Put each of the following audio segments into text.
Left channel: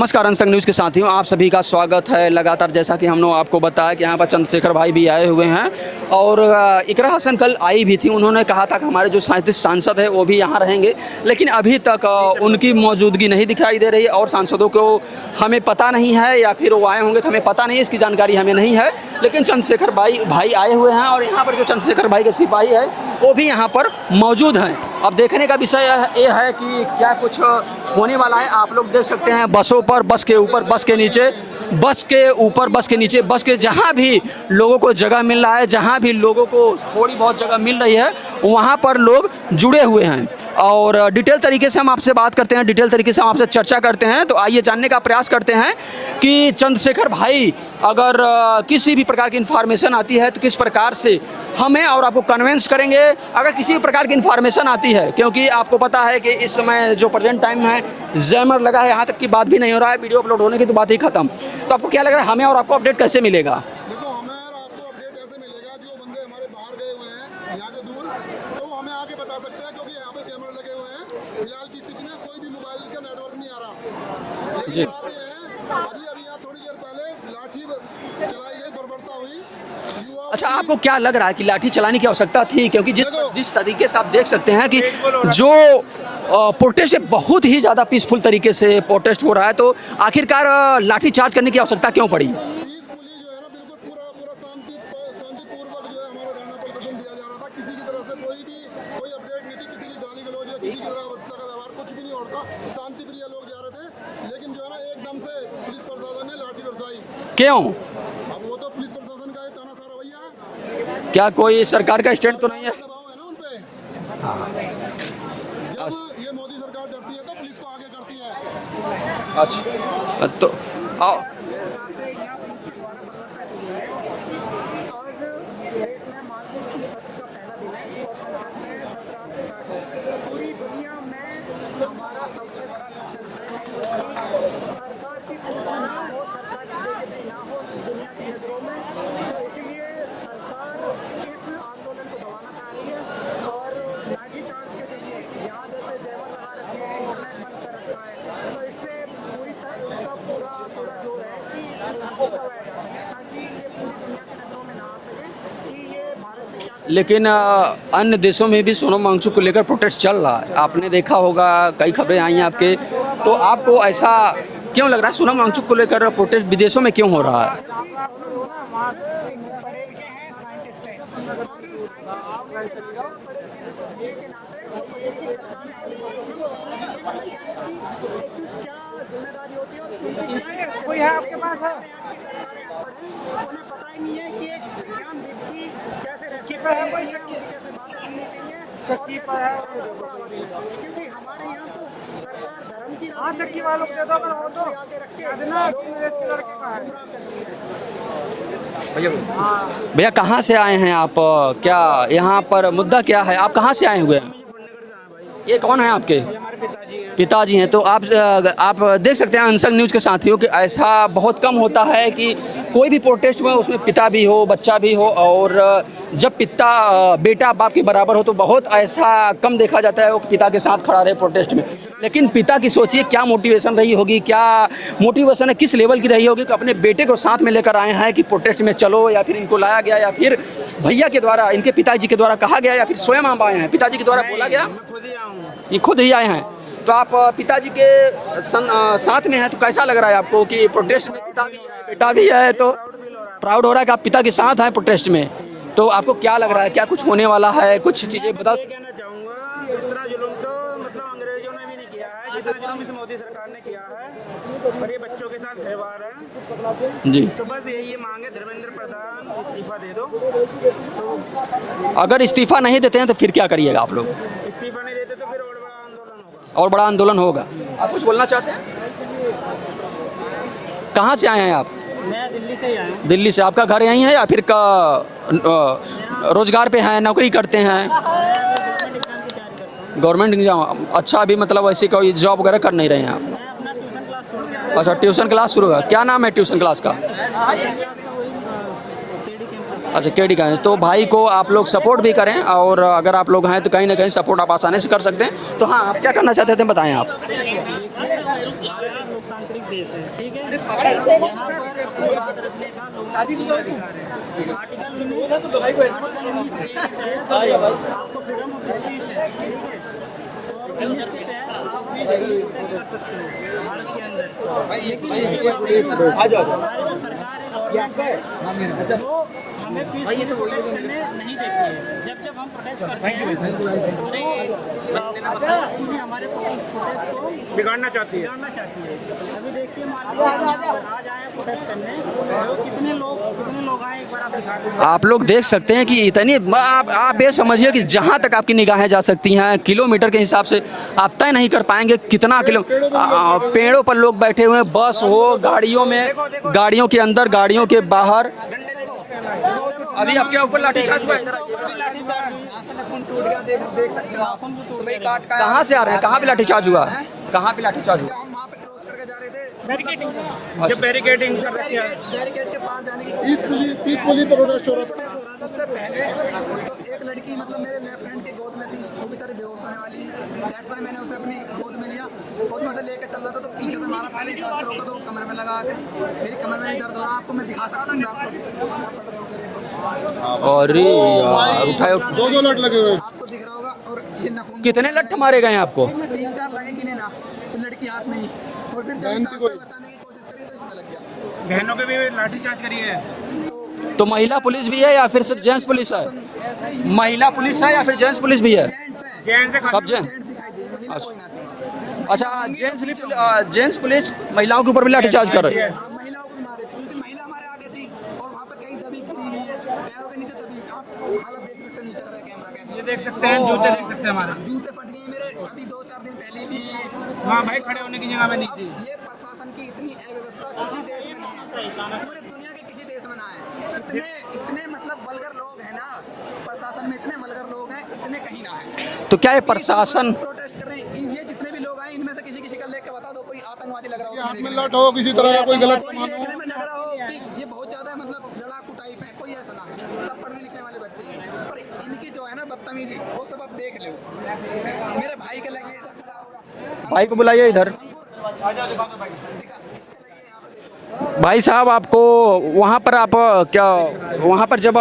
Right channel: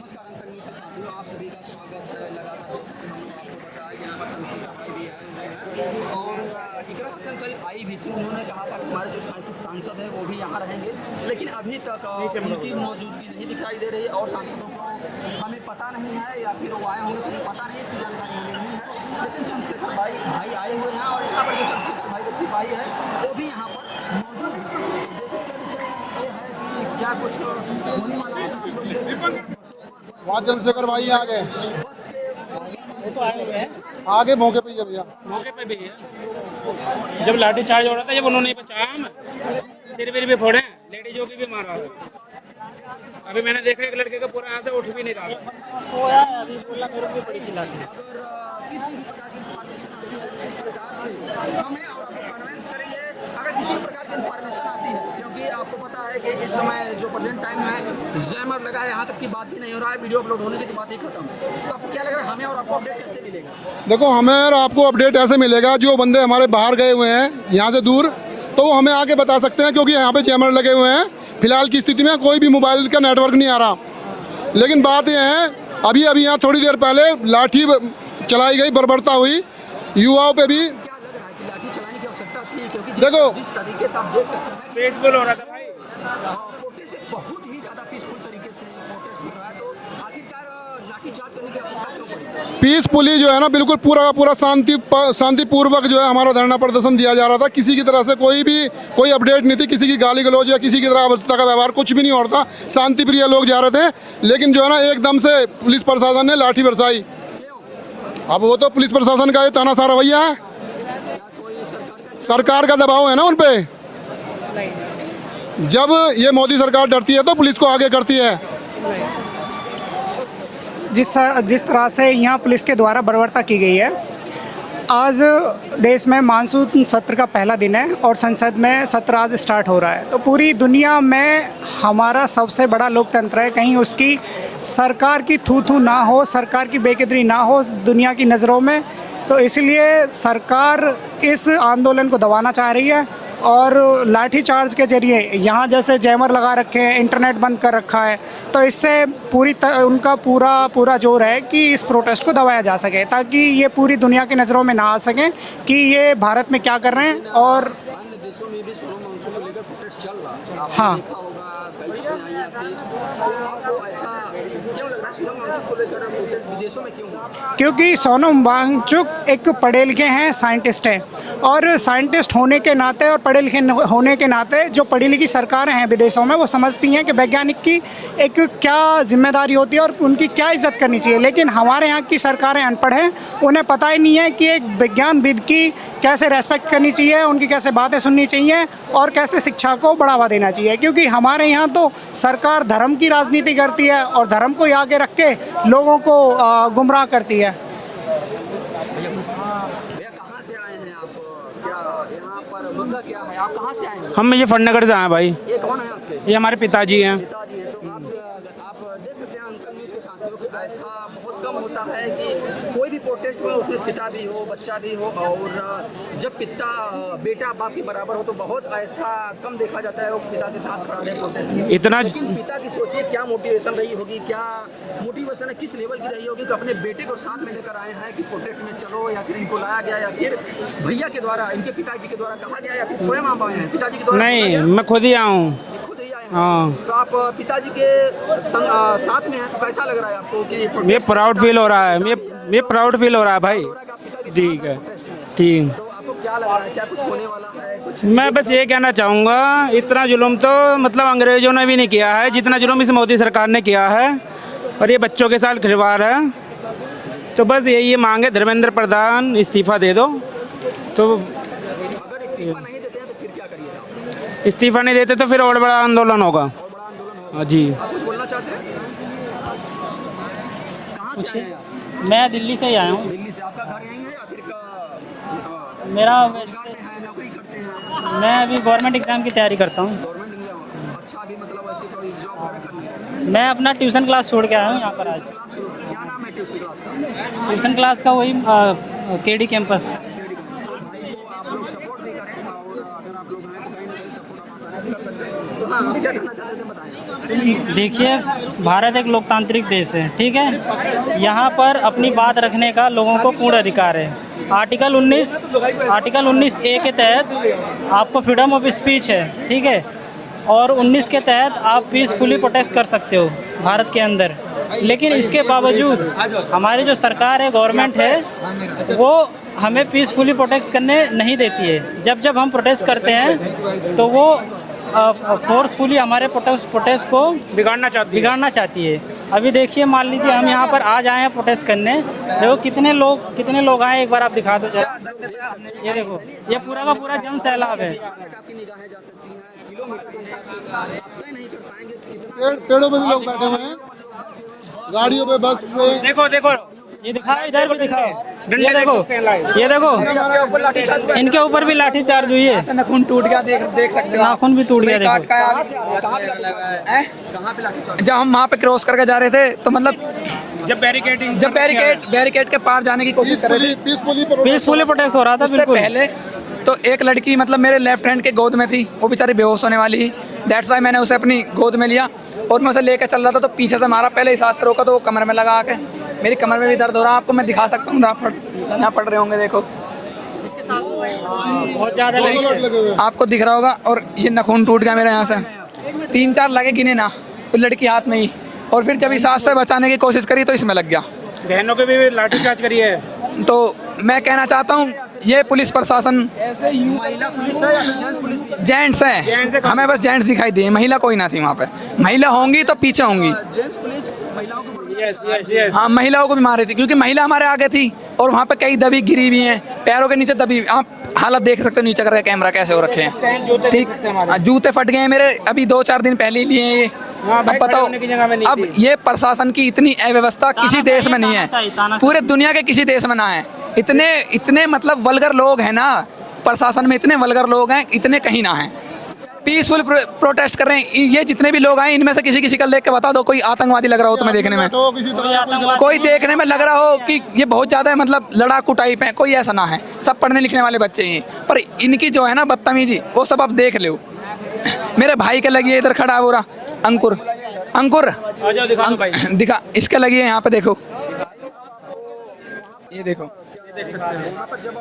नमस्कार unsung news के साथियों, आप सभी का स्वागत है। लगातार जैसा कि हमने आपको बताया कि यहाँ पर चंद्रशेखर भाई भी आए हुए हैं और इकरा हसन कल आई भी थी। उन्होंने कहा था कि हमारे जो 37 सांसद हैं वो भी यहाँ रहेंगे, लेकिन अभी तक उनकी मौजूदगी नहीं दिखाई दे रही और सांसदों को हमें पता नहीं है या फिर वो आए होंगे तो हमें पता नहीं है, इसकी जानकारी हमें नहीं है। लेकिन चंद्रशेखर भाई आए हुए हैं और यहाँ पर जो चंद्रशेखर भाई के सिपाही है वो भी यहाँ पर मौजूद हैं। अब देखने का विषय ये है कि क्या कुछ होने वाला है। आप लोग देख सकते हैं बसों पर, बस के ऊपर, बस के नीचे, बस के ऊपर, बस के नीचे, बस के जहाँ भी लोगों को जगह मिल रहा है, जहाँ भी लोगों को थोड़ी बहुत जगह मिल रही है वहाँ पर लोग जुड़े हुए हैं। और डिटेल तरीके से हम आपसे बात करते हैं, डिटेल तरीके से हम आपसे चर्चा करते हैं। तो आइए जानने का प्रयास करते हैं कि चंद्रशेखर भाई अगर किसी भी प्रकार की इन्फॉर्मेशन आती है तो किस प्रकार से हमें और आपको कन्विंस करेंगे अगर किसी भी प्रकार की इन्फॉर्मेशन आती है, क्योंकि आपको पता है कि इस समय जो प्रेजेंट टाइम है जैमर लगा है, यहाँ तक की बात भी नहीं हो रहा है, वीडियो अपलोड होने की तो बात ही खत्म। तो आपको क्या लग रहा है हमें और आपको अपडेट कैसे मिलेगा? देखो, हमें और आपको अपडेट ऐसे मिलेगा, जो बंदे हमारे बाहर गए हुए हैं यहाँ से दूर, तो वो हमें आके बता सकते हैं, क्योंकि यहाँ पे जैमर लगे हुए हैं। फिलहाल की स्थिति में कोई भी मोबाइल का नेटवर्क नहीं आ रहा। लेकिन बात यह है, अभी यहाँ थोड़ी देर पहले लाठी चलाई गई, बर्बरता हुई युवाओं पे भी। आपको क्या लग रहा है कि लाठी चलाने की आवश्यकता थी? क्योंकि जिस तरीके से आप देख सकते हैं कि जो प्रोटेस्ट है बहुत ही ज़्यादा पीसफुल तरीके से प्रोटेस्ट हो रहा है, तो आखिरकार लाठी चार्ज करने की आवश्यकता क्यों पड़ी? पीसफुली जो है ना, बिल्कुल पूरा का पूरा शांतिपूर्वक जो है हमारा धरना प्रदर्शन दिया जा रहा था। किसी की तरह से कोई अपडेट नहीं थी, किसी की गाली गलौज या किसी की तरह अभद्रता का व्यवहार कुछ भी नहीं हो रहा था। शांति प्रिय लोग जा रहे थे, लेकिन जो है ना एकदम से पुलिस प्रशासन ने लाठी बरसाई। क्यों? अब वो तो पुलिस प्रशासन का ये तानाशाह रवैया है। क्या कोई सरकार का दबाव है ना उन पे? जब ये मोदी सरकार डरती है तो पुलिस को आगे करती है। अच्छा, तो जिस तरह से यहाँ पुलिस के द्वारा बर्बरता की गई है, आज देश में मानसून सत्र का पहला दिन है और संसद में सत्र आज स्टार्ट हो रहा है। तो पूरी दुनिया में हमारा सबसे बड़ा लोकतंत्र है, कहीं उसकी सरकार की थू ना हो, सरकार की बेकदरी ना हो दुनिया की नज़रों में। तो इसलिए सरकार इस आंदोलन को दबाना चाह रही है और लाठी चार्ज के जरिए यहाँ जैसे जैमर लगा रखे हैं, इंटरनेट बंद कर रखा है, तो इससे उनका पूरा जोर है कि इस प्रोटेस्ट को दबाया जा सके, ताकि ये पूरी दुनिया की नज़रों में ना आ सके कि ये भारत में क्या कर रहे हैं। लेकिन और अन्य देशों में भी सोनम वांगचुक को लेकर प्रोटेस्ट चल रहा है, आपने देखा होगा, कई खबरें आई हैं आपके। तो आपको ऐसा क्यों लग रहा है सोनम वांगचुक को लेकर प्रोटेस्ट विदेशों में क्यों हो रहा है? क्योंकि सोनम वांगचुक एक पढ़े लिखे हैं, साइंटिस्ट हैं, और साइंटिस्ट होने के नाते और पढ़े लिखे होने के नाते जो पढ़ी लिखी सरकारें हैं विदेशों में, वो समझती हैं कि वैज्ञानिक की एक क्या जिम्मेदारी होती है और उनकी क्या इज्जत करनी चाहिए। लेकिन हमारे यहाँ की सरकारें अनपढ़ हैं, उन्हें पता ही नहीं है कि एक विज्ञानविद की कैसे रेस्पेक्ट करनी चाहिए, उनकी कैसे बातें सुननी चाहिए और कैसे शिक्षा को बढ़ावा देना चाहिए। क्योंकि हमारे यहाँ तो सरकार धर्म की राजनीति करती है और धर्म को आगे रख के लोगों को गुमराह करती है। भैया कहाँ से आए हैं आप? क्या यहाँ पर मुद्दा क्या है? आप कहाँ से आए हुए? हम मुजफ्फरनगर से आए भाई। ये कौन है आपके? ये हमारे पिताजी हैं। पिताजी हैं। तो आप देख सकते हैं अनसंग न्यूज़ के साथियों कि ऐसा बहुत कम होता है कि कोई भी प्रोटेस्ट में उसमें पिता भी हो, बच्चा भी हो, और जब बेटा बाप के बराबर हो तो बहुत ऐसा कम देखा जाता है वो पिता के साथ खड़ा रहे प्रोटेस्ट में इतना। लेकिन पिता की सोचिए क्या मोटिवेशन रही होगी, क्या मोटिवेशन है, किस लेवल की रही होगी कि अपने बेटे को साथ में लेकर आए हैं कि प्रोटेस्ट में चलो, या फिर इनको लाया गया, या फिर भैया के द्वारा, इनके पिताजी के द्वारा कहा गया, या फिर स्वयं आप आए हैं? पिताजी के द्वारा नहीं, मैं खुद ही आया हूँ। ये खुद ही आए हैं? हाँ। तो आप पिताजी के साथ में हैं, तो कैसा लग रहा है आपको कि प्रोटेस्ट? प्राउड फील हो रहा है, प्राउड फील हो रहा है, प्राउड हो रहा है कि आप पिता के साथ हैं प्रोटेस्ट में। ठीक। तो आपको क्या लग रहा है, क्या कुछ होने वाला है? कुछ मैं बस ये कहना चाहूँगा, इतना जुल्म तो मतलब अंग्रेजों ने भी नहीं किया है जितना जुल्म इस मोदी सरकार ने किया है, और ये बच्चों के साथ खिलवाड़ है जी। तो बस यही मांग है, धर्मेंद्र प्रधान इस्तीफा दे दो। तो अगर इस्तीफा नहीं देते हैं तो फिर क्या करिएगा आप लोग? इस्तीफा नहीं देते तो फिर और बड़ा आंदोलन होगा। और बड़ा आंदोलन होगा जी। आप कुछ बोलना चाहते हैं? कहाँ से आए हैं आप? मैं दिल्ली से ही आया हूँ। दिल्ली से। आपका घर यहीं है या फिर मेरा रोजगार पे हैं, नौकरी करते हैं? मैं अभी गवर्नमेंट एग्जाम की तैयारी करता हूँ। Government exam? अच्छा, अभी मतलब ऐसी कोई जॉब वगैरह कर नहीं रहे हैं आप? मैं अपना ट्यूशन क्लास छोड़ के आया हूँ। अच्छा, ट्यूशन क्लास शुरू है। क्या नाम है ट्यूशन क्लास का? ट्यूशन क्लास का वही केडी कैंपस। अच्छा, केडी का है। तो भाई को आप लोग सपोर्ट भी करें, और अगर आप लोग हैं तो कहीं ना कहीं सपोर्ट आप आसानी से कर सकते हैं। तो हाँ, आप क्या करना चाहते थे बताएं आप। देखिए, भारत एक लोकतांत्रिक देश है, ठीक है। यहाँ पर अपनी बात रखने का लोगों को पूर्ण अधिकार है। आर्टिकल 19A के तहत आपको फ्रीडम ऑफ स्पीच है, ठीक है। और 19 के तहत आप पीसफुली प्रोटेस्ट कर सकते हो भारत के अंदर। लेकिन इसके बावजूद हमारी जो सरकार है, गवर्नमेंट है, वो हमें पीसफुली प्रोटेस्ट करने नहीं देती है। जब जब हम प्रोटेस्ट करते हैं तो वो फोर्सफुली हमारे प्रोटेस्ट को बिगाड़ना चाहती है। अभी देखिए, मान लीजिए हम यहाँ पर आज आए हैं प्रोटेस्ट करने, देखो कितने लोग आए, एक बार आप दिखा दो। आप लोग देख सकते हैं कि इतनी आप ये समझिए कि जहाँ तक आपकी निगाहें जा सकती हैं, किलोमीटर के हिसाब से आप तय नहीं कर पाएंगे कितना किलो। पेड़ों पर लोग बैठे हुए हैं, बस हो, गाड़ियों में, गाड़ियों के अंदर, गाड़ियों के बाहर। ये देखो इनके ऊपर भी लाठी चार्ज हुई है। नाखून टूट गया, देख सकते हो। नाखून भी टूट गया। देखो कहाँ से आ रहे हैं, कहाँ पे लाठीचार्ज हुआ है, कहाँ पे लाठीचार्ज? जब हम वहाँ पे क्रॉस करके जा रहे थे तो मतलब जब बैरिकेड के पार जाने की कोशिश कर रहे थे, पीसफुली प्रोटेस्ट हो रहा था। उससे बिल्कुल पहले तो एक लड़की मतलब मेरे लेफ्ट हैंड के गोद में थी, वो बेचारी बेहोश होने वाली थी। दैट्स वाई मैंने उसे अपनी गोद में लिया और मैं उसे लेकर चल रहा था, तो पीछे से मारा, पहले इस हाथ से रोका तो वो कमर में लगा के, मेरी कमर में भी दर्द हो रहा है। आपको मैं दिखा सकता हूँ, यहाँ पड़ रहे होंगे, देखो। और आपको दिख रहा होगा। और ये नाखून टूट गया मेरे यहाँ से। गए आपको 3-4 लगे, गिने ना, वो लड़की हाथ में ही। और फिर जब इस हाथ से बचाने की कोशिश करी तो इसमें लग गया। बहनों के भी लाठीचार्ज करी है। तो मैं कहना चाहता हूँ, ये पुलिस प्रशासन, महिला पुलिस है या फिर जेंट्स पुलिस भी है? जेंट्स हैं, हमें बस जेंट्स दिखाई दिए, महिला कोई ना थी वहाँ पे। महिला होंगी तो पीछे होंगी। जेंट्स पुलिस महिलाओं के ऊपर भी लाठीचार्ज कर रही है। हाँ, महिलाओं को भी मार रही थी, क्योंकि महिला हमारे आगे थी और वहाँ पे कई दबी गिरी हुई हैं, पैरों के नीचे दबी। आप हालत देख सकते हो नीचे करके, कैमरा कैसे हो रखे हैं, ठीक। जूते फट गए हैं मेरे, अभी 2-4 दिन पहले ही लिए हैं ये। अब बताओ, अब ये प्रशासन की इतनी अव्यवस्था किसी देश में नहीं है, पूरे दुनिया के किसी देश में ना है। इतने मतलब वल्गर लोग हैं ना प्रशासन में, इतने वल्गर लोग हैं, इतने कहीं ना हैं। तो क्या ये पीसफुल प्रोटेस्ट कर रहे हैं? ये जितने भी लोग आए, इनमें से किसी कल देख के बता दो कोई आतंकवादी लग रहा हो तुम्हें देखने में, किसी तरह का कोई देखने में लग रहा हो कि ये बहुत ज़्यादा मतलब लड़ाकू टाइप है, कोई ऐसा ना है। सब पढ़ने लिखने वाले बच्चे हैं, पर इनकी जो है ना बदतमीजी, वो सब आप देख लो। मेरे भाई के लगी है, इधर खड़ा हो रहा अंकुर, बुलाइए इधर। अंकुर दिखा, इसका लगी है यहाँ पे, देखो। भाई साहब, आपको वहाँ पर आप क्या, वहाँ पर जब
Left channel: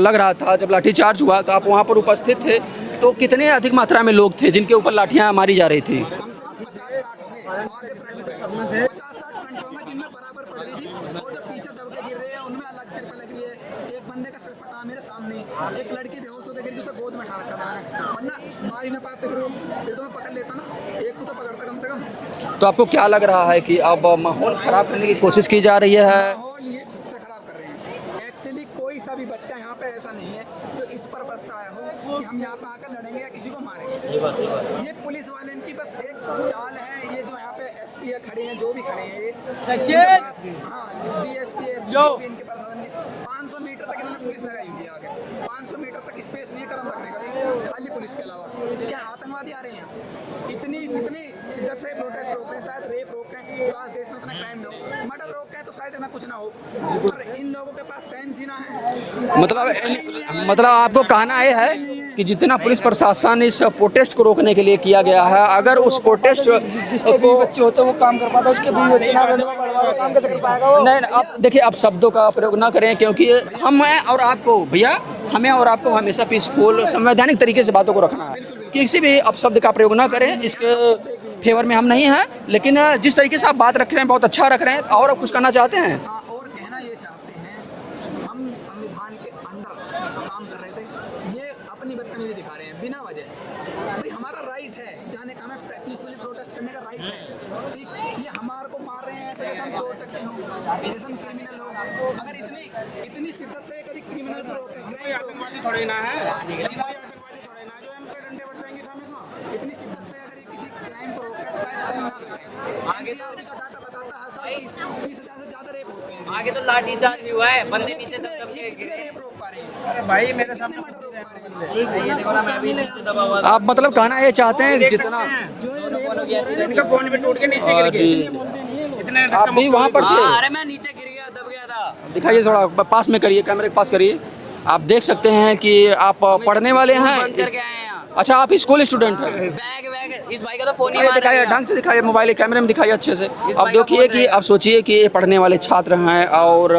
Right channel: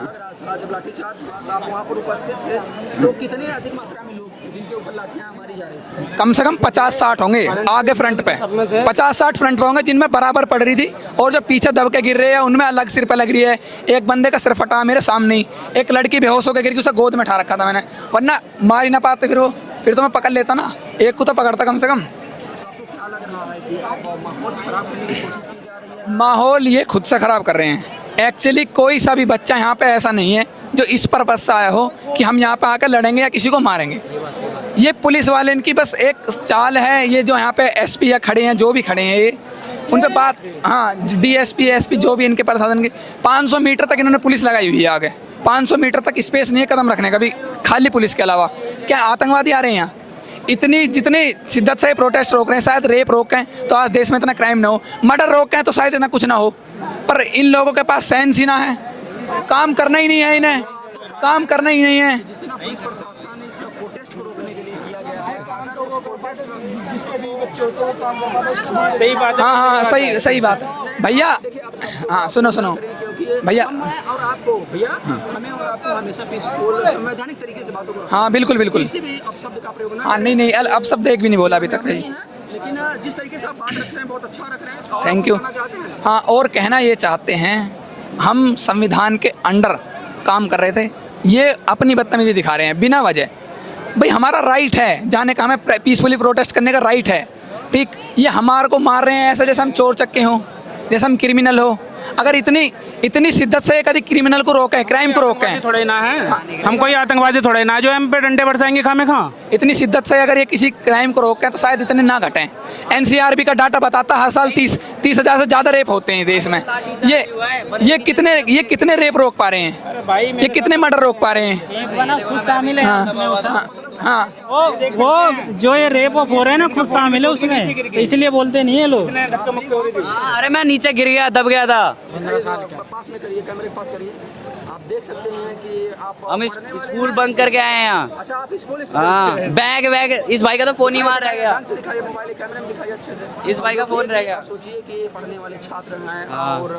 लग रहा था, जब लाठी चार्ज हुआ तो आप वहाँ पर उपस्थित थे, तो कितने अधिक मात्रा में लोग थे जिनके ऊपर लाठियाँ मारी जा रही थी? कम से कम 50-60 होंगे आगे फ्रंट पे, 50-60 फ्रंट पे होंगे, जिनमें बराबर पड़ रही थी। और जो पीछे दब के गिर रहे हैं उनमें अलग सिर पे लग रही है। एक बंदे का सिर फटा मेरे सामने ही, एक लड़की बेहोश होकर गिर गई, उसे गोद में उठा रखा था मैंने, वरना मार ही ना पाते फिर तो मैं पकड़ लेता ना, एक को तो पकड़ता कम से कम। तो आपको क्या लग रहा है कि अब माहौल खराब करने की कोशिश की जा रही है? माहौल ये खुद से खराब कर रहे हैं। एक्चुअली कोई सा भी बच्चा यहाँ पे ऐसा नहीं है जो इस पर्पज से आया हो कि हम यहाँ पे आकर लड़ेंगे या किसी को मारेंगे। ये पुलिस वाले इनकी बस एक चाल है। ये जो यहाँ पे एसपी या खड़े हैं, जो भी खड़े हैं, ये उनके बात, हाँ, डीएसपी एसपी जो भी इनके प्रशासन के, 500 मीटर तक इन्होंने पुलिस लगाई हुई है आगे। 500 मीटर तक स्पेस नहीं है कदम रखने का भी, खाली पुलिस के अलावा। क्या आतंकवादी आ रहे हैं यहाँ? जितनी शिद्दत से प्रोटेस्ट रोक रहे हैं, शायद रेप रोकें तो आज देश में इतना क्राइम ना हो, मर्डर रोकें तो शायद इतना कुछ ना हो, पर इन लोगों के पास सेंस ही ना है, काम करना ही नहीं है इन्हें। मतलब आपको काम करना ही नहीं है कि जितना पुलिस प्रशासन इस प्रोटेस्ट को रोकने के लिए किया गया है, अगर उस प्रोटेस्ट को बच्चे होते वो काम कर पाता, उसके हाँ, सही बात भैया। देखिए, आप शब्दों का सुनो करें, क्योंकि भैया हमें और आपको हमेशा पीसफुल संवैधानिक तरीके से बातों को रखना। हाँ, बिल्कुल किसी भी अपशब्द का प्रयोग ना करें। नहीं, अपशब्द एक भी नहीं बोला हम नहीं है, लेकिन जिस तरीके से आप बात रख रहे हैं बहुत अच्छा रख रहे हैं, और कुछ कहना चाहते हैं? हाँ, और कहना ये चाहते हैं, हम संविधान के अंडर काम कर रहे थे, ये अपनी बदतमीजी दिखा रहे हैं बिना वजह। भाई हमारा राइट है जाने का, हमें पीसफुली प्रोटेस्ट करने का राइट है, ठीक। ये हमारे को मार रहे हैं ऐसा जैसे हम चोर चक्के हों, जैसे हम क्रिमिनल हो। अगर इतनी शिद्दत से कभी क्रिमिनल को रोकें, क्राइम को रोकें, थोड़े ना है हम कोई आतंकवादी थोड़े ना जो हम पे डंडे बरसाएंगे खामे खा। इतनी शिद्दत से अगर ये किसी क्राइम को रोकें तो शायद इतने ना घटें। एनसीआरबी का डाटा बताता हर साल 30,000 से ज़्यादा रेप होते हैं देश में। ये कितने रेप रोक पा रहे हैं? ये कितने मर्डर रोक पा रहे हैं? एक बना खुद शामिल है आप मतलब कहना ये चाहते हैं जितना वो जो ये रेप हो रहे हैं ना खुद शामिल है उसमें, इसलिए बोलते नहीं है लोग। आप भी वहाँ पर थे? अरे मैं नीचे गिर गया, दब गया था। दिखाइए थोड़ा पास में करिए, कैमरे के पास करिए। आप देख सकते हैं कि आप पढ़ने वाले स्कूल हैं। बंद करके आए हैं यहाँ। अच्छा, आप स्कूल स्टूडेंट हाँ, हैं। बैग बैग इस भाई का तो फोन ही ये वहाँ दिखाइए, रहेगा। ढंग से दिखाइए, मोबाइल कैमरे में दिखाइए अच्छे से। इस अब भाई का देखिए फोन कि रहेगा। आप सोचिए कि ये पढ़ने वाले छात्र हैं और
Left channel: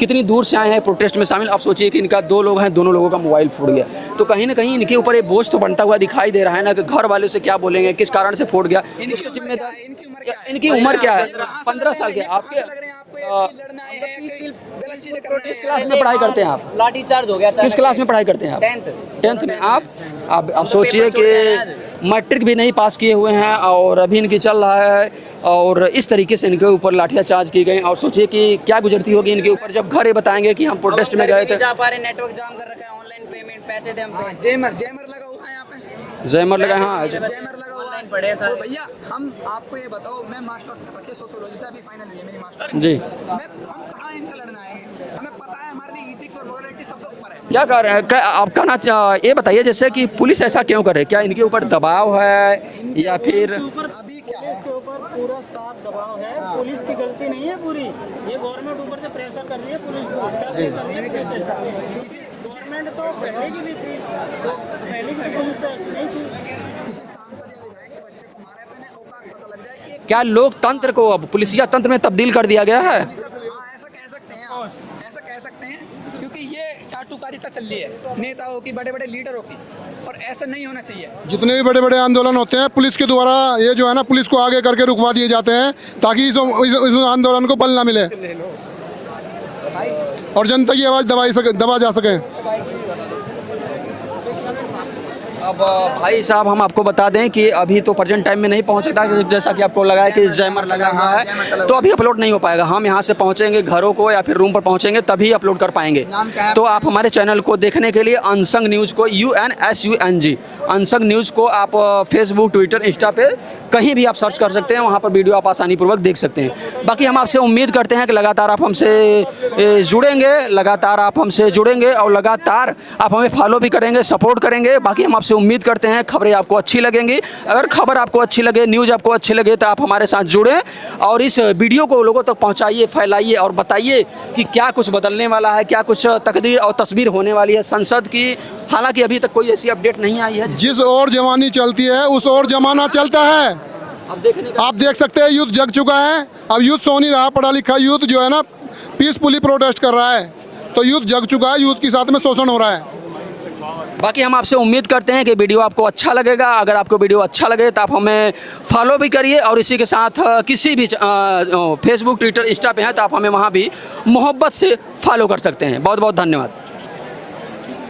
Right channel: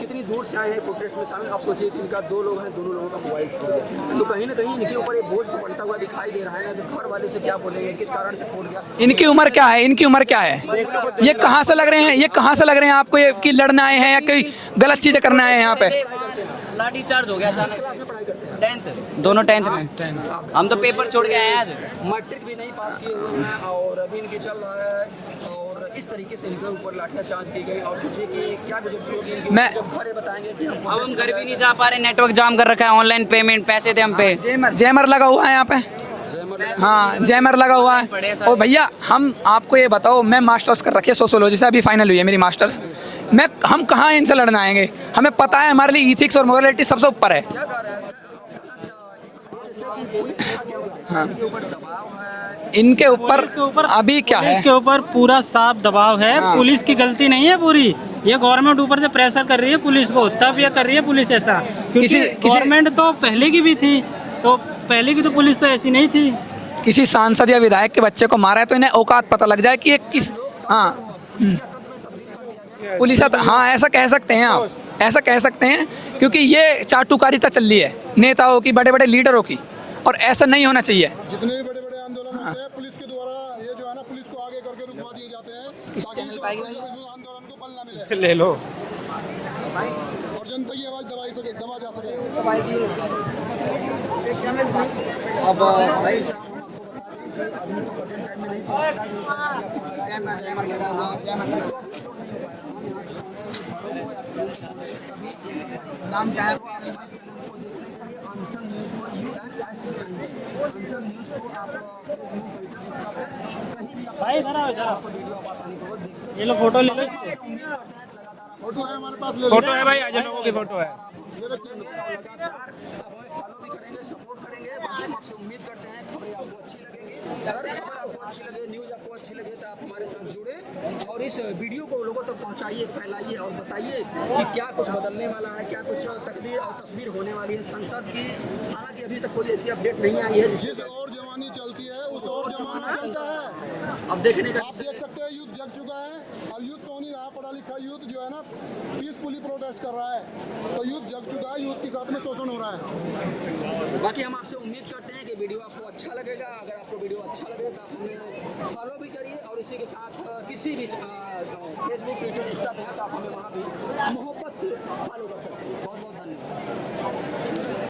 कितनी दूर से आए हैं प्रोटेस्ट में शामिल। आप सोचिए कि इनका 2 लोग हैं, दोनों लोगों का मोबाइल फूट गया, तो कहीं ना कहीं इनके ऊपर एक बोझ तो बनता हुआ दिखाई दे रहा है ना, कि घर वालों से क्या बोलेंगे, किस कारण से फूट गया। इनकी उम्र क्या है? इनकी उम्र क्या है? इनकी उम्र क्या है? ये कहाँ से लग रहे हैं? ये कहाँ से लग रहे हैं आपको? ये कि लड़ना आए हैं या कोई गलत चीजें करना आए हैं यहाँ किस पे? पढ़ाई करते हैं आप? लाठी चार्ज हो गया। किस क्लास में पढ़ाई करते हैं आप? 10th, दोनों 10th में। आप हम तो सोचिए पेपर छोड़ के आए कि मैट्रिक भी नहीं पास किए हुए हैं और अभी इनकी चल रहा है, और इस तरीके से इनके ऊपर लाठियां चार्ज की गई। और सोचिए कि क्या गुजरती होगी इनके ऊपर जब घर ये बताएंगे कि हम प्रोटेस्ट में गए थे। जा पा रहे, नेटवर्क जाम कर रखा है, ऑनलाइन पेमेंट, पैसे थे हम पे। जैमर लगा हुआ है यहाँ पे। जैमर लगा है। हाँ, जैमर लगा हुआ है। और भैया हम आपको ये बताओ, मैं मास्टर्स कर रखी है सोशियोलॉजी से, अभी फाइनल हुई है मेरी मास्टर्स जी। हम कहाँ इनसे लड़ना आएंगे? हमें पता है हमारे लिए इथिक्स और मोरालिटी सबसे ऊपर है। क्या कर रहे हैं? आप कहना ये बताइए, जैसे कि पुलिस ऐसा क्यों करे? क्या इनके ऊपर दबाव है? इनके या ऊपर फिर- अभी क्या है? इसके ऊपर पूरा साफ दबाव है। पुलिस की गलती नहीं है पूरी, ये गवर्नमेंट ऊपर से प्रेशर कर रही है पुलिस को, तब ये कर रही है पुलिस ऐसा। क्योंकि गवर्नमेंट तो पहले की भी थी, तो पहले की तो पुलिस तो ऐसी नहीं थी। किसी सांसद या विधायक के बच्चे को मारा है तो इन्हें औकात पता लग जाए कि ये क्या किस- लोकतंत्र हाँ, को अब पुलिसिया तंत्र में तब्दील कर दिया गया है? पुलिस, हाँ ऐसा कह सकते हैं आप, ऐसा कह सकते हैं, क्योंकि ये चाटुकारिता चल रही है नेताओं की, बड़े बड़े लीडरों की, और ऐसा नहीं होना चाहिए। जितने भी बड़े बड़े आंदोलन होते हैं पुलिस के द्वारा ये जो है ना, पुलिस को आगे करके रुकवा दिए जाते हैं ताकि इस आंदोलन को बल ना मिले और जनता की आवाज़ दबा जा सके। अब भाई साहब, हम आपको बता दें कि अभी तो प्रेजेंट टाइम में नहीं पहुंचता, जैसा कि आपको लगा है कि जैमर लगा हुआ है, तो अभी अपलोड नहीं हो पाएगा। हम यहाँ से पहुंचेंगे घरों को या फिर रूम पर पहुंचेंगे तभी अपलोड कर पाएंगे। तो आप हमारे चैनल को देखने के लिए अनसंग न्यूज़ को, UNSUNG अनसंग न्यूज़ को आप फेसबुक, ट्विटर, इंस्टा पे कहीं भी आप सर्च कर सकते हैं, वहाँ पर वीडियो आप आसानी पूर्वक देख सकते हैं। बाकी हम आपसे उम्मीद करते हैं कि लगातार आप हमसे जुड़ेंगे और लगातार आप हमें फॉलो भी करेंगे, सपोर्ट करेंगे। बाकी हम आपसे उम्मीद करते हैं खबरें आपको अच्छी लगेंगी। अगर खबर आपको अच्छी लगे, न्यूज़ आपको अच्छी लगे, तो आप हमारे साथ जुड़ें और इस वीडियो को लोगों तक पहुंचाइए, फैलाइए और बताइए कि क्या कुछ बदलने वाला है, क्या कुछ तकदीर और तस्वीर होने वाली है संसद की। हालांकि अभी तक कोई ऐसी अपडेट नहीं आई है। जिस और जवानी चलती है उस और जमाना चलता है। आप देख सकते हैं यूथ जग चुका है। अब यूथ सो नहीं रहा, पढ़ा लिखा यूथ जो है ना पीसफुली प्रोटेस्ट कर रहा है, तो यूथ जग चुका है, यूथ के साथ में शोषण हो रहा है। बाकी हम आपसे उम्मीद करते हैं कि वीडियो आपको अच्छा लगेगा। अगर आपको वीडियो अच्छा लगे तो आप हमें फॉलो भी करिए और इसी के साथ किसी भी फेसबुक, ट्विटर, इंस्टा पे हैं तो आप हमें वहाँ भी मोहब्बत से फॉलो कर सकते हैं। बहुत बहुत धन्यवाद।